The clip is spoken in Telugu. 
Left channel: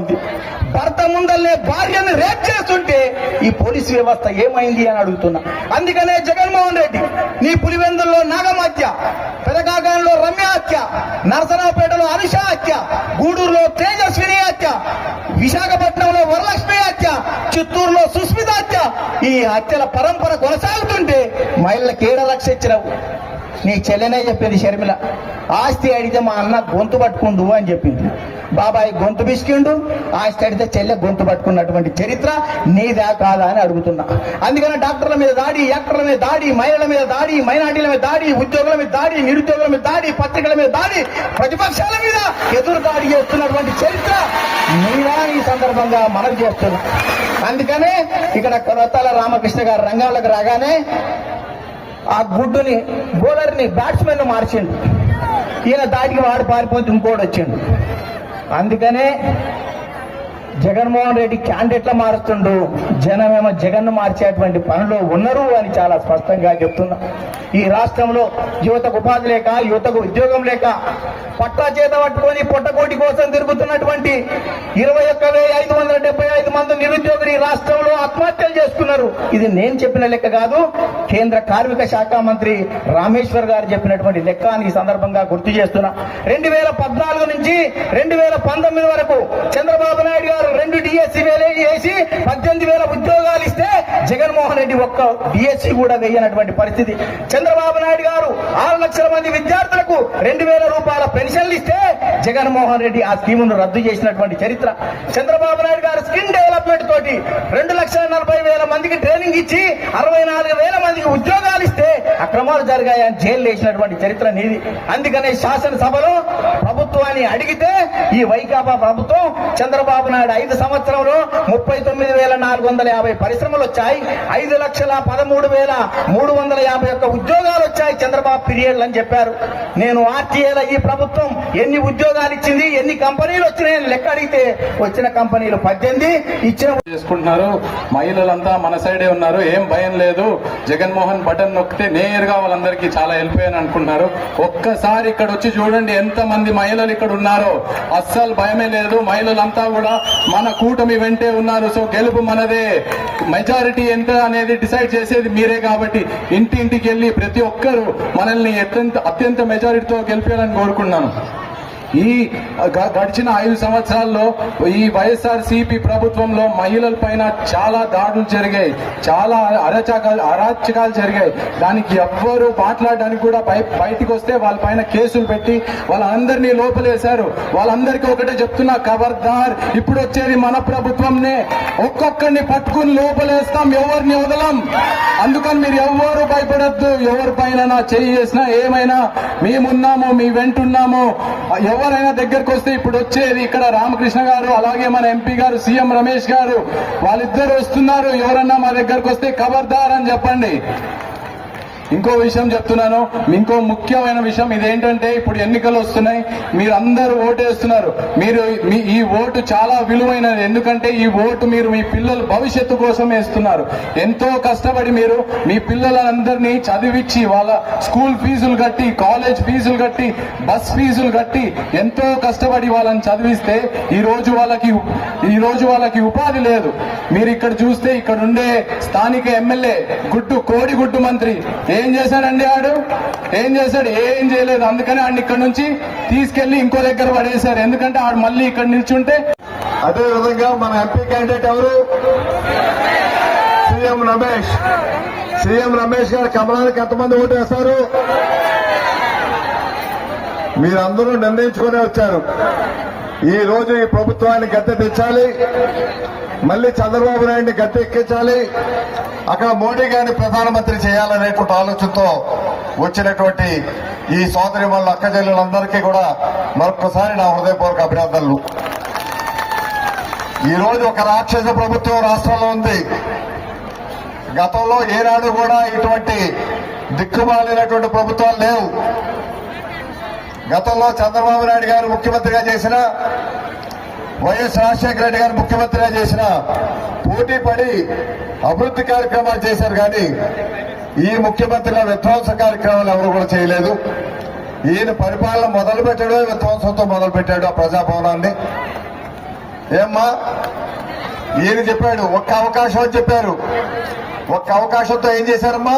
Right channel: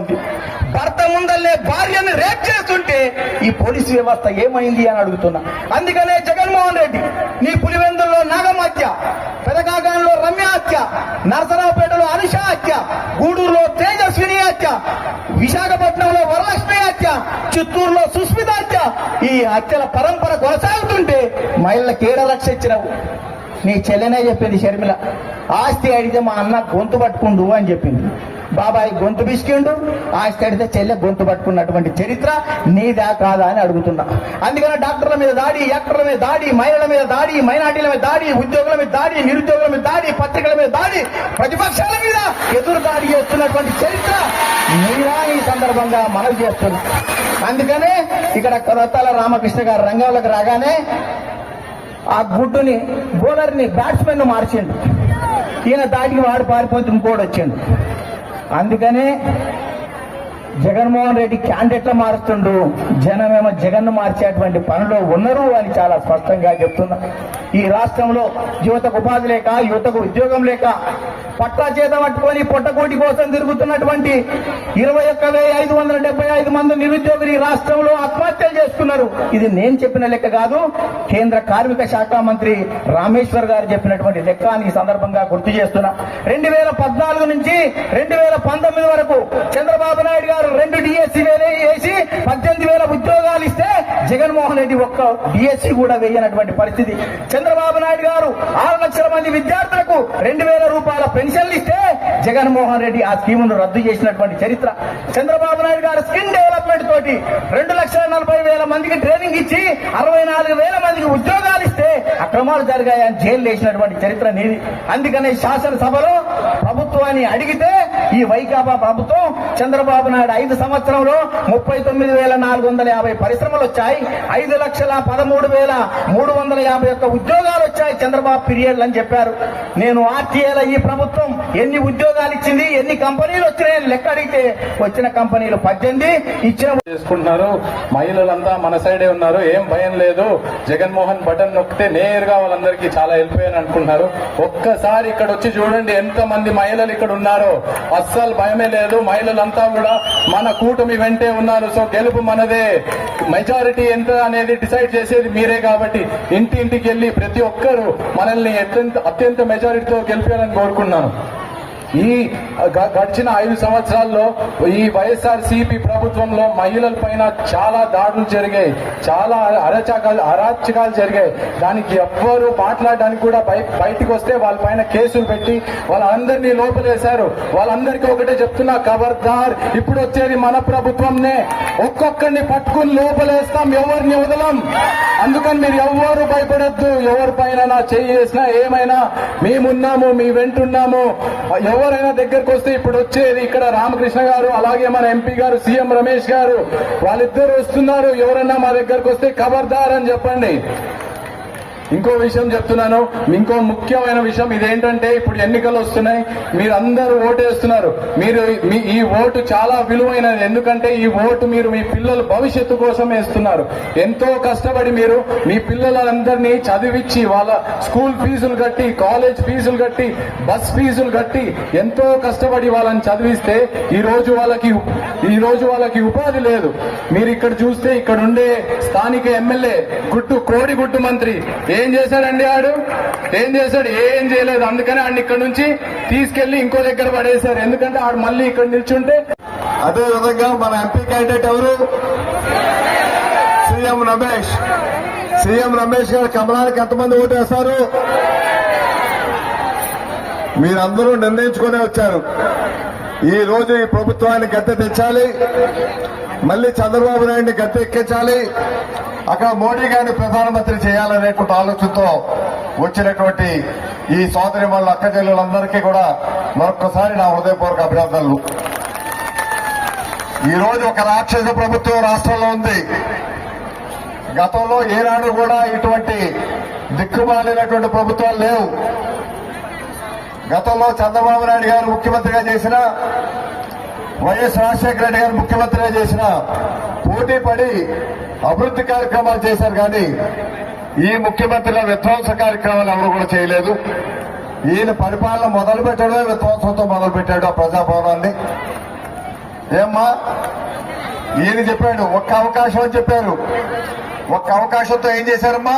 ఉంది. భర్త ముందల్లే భార్యను రేప్ చేస్తుంటే ఈ పోలీసు వ్యవస్థ ఏమైంది అని అడుగుతున్నా. అందుకనే జగన్మోహన్ రెడ్డి నీ పులివెందుల్లో నాగమ్మ హత్య, పెదకాగాంలో రమ్య హత్య, నరసరావుపేటలో అనుష హత్య, గూడూరులో తేజస్విని హత్య, విశాఖపట్నంలో వరలక్ష్మి హత్య, చిత్తూరులో సుస్మిత హత్య, ఈ హత్యల పరంపర కొనసాగుతుంటే మహిళలకు ఏడ రక్ష ఇచ్చినావు? నీ చెల్లెనే చెప్పింది షర్మిల, ఆస్తి అడిగితే మా అన్న గొంతు పట్టుకుండు అని చెప్పింది. బాబాయ్ గొంతు బిసికిండు, ఆస్తి అడిగితే చెల్లె గొంతు పట్టుకున్నటువంటి చరిత్ర నీదా కాదా అని అడుగుతున్నా. అందుకని డాక్టర్ల మీద దాడి, యాక్టర్ల మీద దాడి, మహిళల మీద దాడి, మైనార్టీల మీద దాడి, ఉద్యోగుల మీద దాడి, నిరుద్యోగుల మీద దాడి, పత్రికల మీద దాడి, ప్రతిపక్షాల మీద ఎదురు దాడి చేస్తున్నటువంటి చరిత్ర నీదా ఈ సందర్భంగా మనవి చేస్తున్నా. అందుకనే ఇక్కడ కొరతాల రామకృష్ణ గారు రంగాలకు రాగానే ఆ గుడ్డుని బౌలర్ని బ్యాట్స్మెన్ మార్చిండు. ఈయన దాటికి వాడు పారిపోతే ఇంకోటి వచ్చిండు. అందుకనే జగన్మోహన్ రెడ్డి క్యాండిడేట్ల మారుస్తుండు, జనమేమో జగన్ను మార్చేటువంటి పనులు ఉన్నారు అని చాలా స్పష్టంగా చెప్తున్నా. ఈ రాష్ట్రంలో యువతకు ఉపాధి లేక, యువతకు ఉద్యోగం లేక, పట్టా చేత పట్టుకొని పొట్టకోటి కోసం తిరుగుతున్నటువంటి 21,575 మంది నిరుద్యోగులు ఈ రాష్ట్రంలో ఆత్మహత్యలు చేసుకున్నారు. ఇది నేను చెప్పిన లెక్క కాదు, కేంద్ర కార్మిక శాఖ మంత్రి రామేశ్వర్ గారు చెప్పినటువంటి లెక్క అని ఈ సందర్భంగా గుర్తు చేస్తున్నా. 2014 నుంచి 2019 వరకు చంద్రబాబు నాయుడు గారు 2 డిఎస్సీ వేసి 18,000 ఉద్యోగాలు ఇస్తే జగన్మోహన్ రెడ్డి ఒక్క డిఎస్సీ కూడా వేయనటువంటి పరిస్థితి. చంద్రబాబు నాయుడు గారు 6 లక్షల మంది విద్యార్థులకు 2,000 రూపాయల పెన్షన్లు ఇస్తే జగన్మోహన్ రెడ్డి ఆ స్కీమును రద్దు చేసినటువంటి చరిత్ర. చంద్రబాబు నాయుడు గారు స్కిల్ డెవలప్మెంట్ తోటి 2,40,000 మందికి ట్రైనింగ్ ఇచ్చి 64,000 మందికి ఉద్యోగాలు ఇస్తే అక్రమాలు జరిగాయని జైలు వేసినటువంటి చరిత్ర నీది. అందుకనే శాసనసభలో ప్రభుత్వాన్ని అడిగితే ఈ వైకాపా ప్రభుత్వం చంద్రబాబు నాయుడు 5 సంవత్సరంలో 39,450 పరిశ్రమలు వచ్చాయి, 5,13,351 ఉద్యోగాలు వచ్చాయి చంద్రబాబు పీరియడ్ అని చెప్పారు. నేను ఆర్టీఏల ఈ ప్రభుత్వం ఎన్ని ఉద్యోగాలు ఇచ్చింది, ఎన్ని కంపెనీలు వచ్చినాయి లెక్క అడిగితే వచ్చిన కంపెనీలు 18 ఇచ్చిన చేసుకుంటున్నారు. మహిళలంతా మన సైడే ఉన్నారు, ఏం భయం లేదు, జగన్మోహన్ బటన్ నొక్కితే నేరుగా వాళ్ళందరికీ చాలా హెల్ప్ అయ్యని అనుకుంటున్నారు. ఒక్కసారి ఇక్కడ వచ్చి చూడండి ఎంత మంది మహిళలు ఇక్కడ ఉన్నారో, అస్సలు భయమే లేదు. మహిళలంతా కూడా మన కూటమి వెంటే ఉన్నారు. సో గెలుపు మనదే. మెజారిటీ ఎంత అనేది డిసైడ్ చేసేది మీరే కాబట్టి ఇంటింటికి వెళ్లి ప్రతి ఒక్కరూ మనల్ని అత్యంత మెజారిటీతో గెలిపేయాలని కోరుకున్నాను. ఈ గడిచిన 5 సంవత్సరాల్లో ఈ వైఎస్ఆర్సీపీ ప్రభుత్వంలో మహిళల పైన చాలా దాడులు జరిగాయి, చాలా అరాచకాలు జరిగాయి. దానికి ఎవ్వరూ మాట్లాడడానికి కూడా బయటికి వస్తే వాళ్ళ పైన కేసులు పెట్టి వాళ్ళందరినీ లోపలేశారు. వాళ్ళందరికీ ఒకటే చెప్తున్నా, ఖబర్దార్, ఇప్పుడు వచ్చేది మన ప్రభుత్వంనే, ఒక్కొక్కరిని పట్టుకుని లోపలేస్తాం, ఎవరిని వదలం. అందుకని మీరు ఎవరు భయపడద్దు. ఎవరి పైన చేయి చేసినా ఏమైనా మేమున్నాము, మీ వెంటున్నాము. ఎవరైనా దగ్గరకు వస్తే ఇప్పుడు వచ్చేది ఇక్కడ రామకృష్ణ గారు, అలాగే మన ఎంపీ గారు సీఎం రమేష్ గారు, వాళ్ళిద్దరు వస్తున్నారు. ఎవరన్నా మా దగ్గరకు వస్తే ఖబర్దార్ అని చెప్పండి. ఇంకో విషయం చెప్తున్నాను, ఇంకో ముఖ్యమైన విషయం ఇదేంటంటే, ఇప్పుడు ఎన్నికలు వస్తున్నాయి, మీరందరూ ఓటేస్తున్నారు. మీరు ఈ ఓటు చాలా విలువైనది. ఎందుకంటే ఈ ఓటు మీరు మీ పిల్లల భవిష్యత్తు కోసం వేస్తున్నారు. ఎంతో కష్టపడి మీరు మీ పిల్లలందరినీ చదివించి వాళ్ళ స్కూల్ ఫీజులు కట్టి, కాలేజ్ ఫీజులు కట్టి, బస్ ఫీజులు కట్టి ఎంతో కష్టపడి వాళ్ళని చదివిస్తే ఈ రోజు వాళ్ళకి ఉపాధి లేదు. మీరు ఇక్కడ చూస్తే ఇక్కడ ఉండే స్థానిక ఎమ్మెల్యే కోడిగుడ్డు మంత్రి ఏం చేశాడండి? ఏం చేశాడు? ఏం చేయలేదు. అందుకని ఆడిని ఇక్కడ నుంచి తీసుకెళ్లి ఇంకో దగ్గర పడేశారు. ఎందుకంటే ఆడు మళ్ళీ ఇక్కడ నిల్చుంటే. అదేవిధంగా మన ఎంపీ క్యాండిడేట్ ఎవరు? సీఎం రమేష్ గారు కమలానికి ఎంతమంది ఓటేస్తారు? మీరందరూ నిర్ణయించుకునే వచ్చారు. ఈ రోజు ఈ ప్రభుత్వాన్ని గద్దె తెచ్చాలి, మళ్ళీ చంద్రబాబు నాయుడిని గద్దె ఎక్కించాలి, అక్కడ మోడీ గారిని ప్రధానమంత్రి చేయాలనేటువంటి ఆలోచనతో వచ్చినటువంటి ఈ సోదరిమణుల అక్కచెల్లెలందరికీ కూడా మరొక్కసారి నా హృదయపూర్వక అభినందనలు. ఈ రోజు ఒక రాక్షస ప్రభుత్వం రాష్ట్రంలో ఉంది. గతంలో ఏనాడు కూడా ఇటువంటి దిక్కుమాలినటువంటి ప్రభుత్వాలు లేవు. గతంలో చంద్రబాబు నాయుడు గారు ముఖ్యమంత్రిగా చేసిన, వైఎస్ రాజశేఖర రెడ్డి గారు ముఖ్యమంత్రిగా చేసిన పోటీ పడి అభివృద్ధి కార్యక్రమాలు చేశారు. కానీ ఈ ముఖ్యమంత్రుల విధ్వంస కార్యక్రమాలు ఎవరు కూడా చేయలేదు. ఈయన పరిపాలన మొదలు పెట్టడమే విధ్వంసంతో మొదలు పెట్టాడు ఆ ప్రజాభవనాన్ని. ఏమ్మా ఈయన చెప్పాడు ఒక్క అవకాశం అని చెప్పారు. ఒక్క అవకాశంతో ఏం చేశారమ్మా?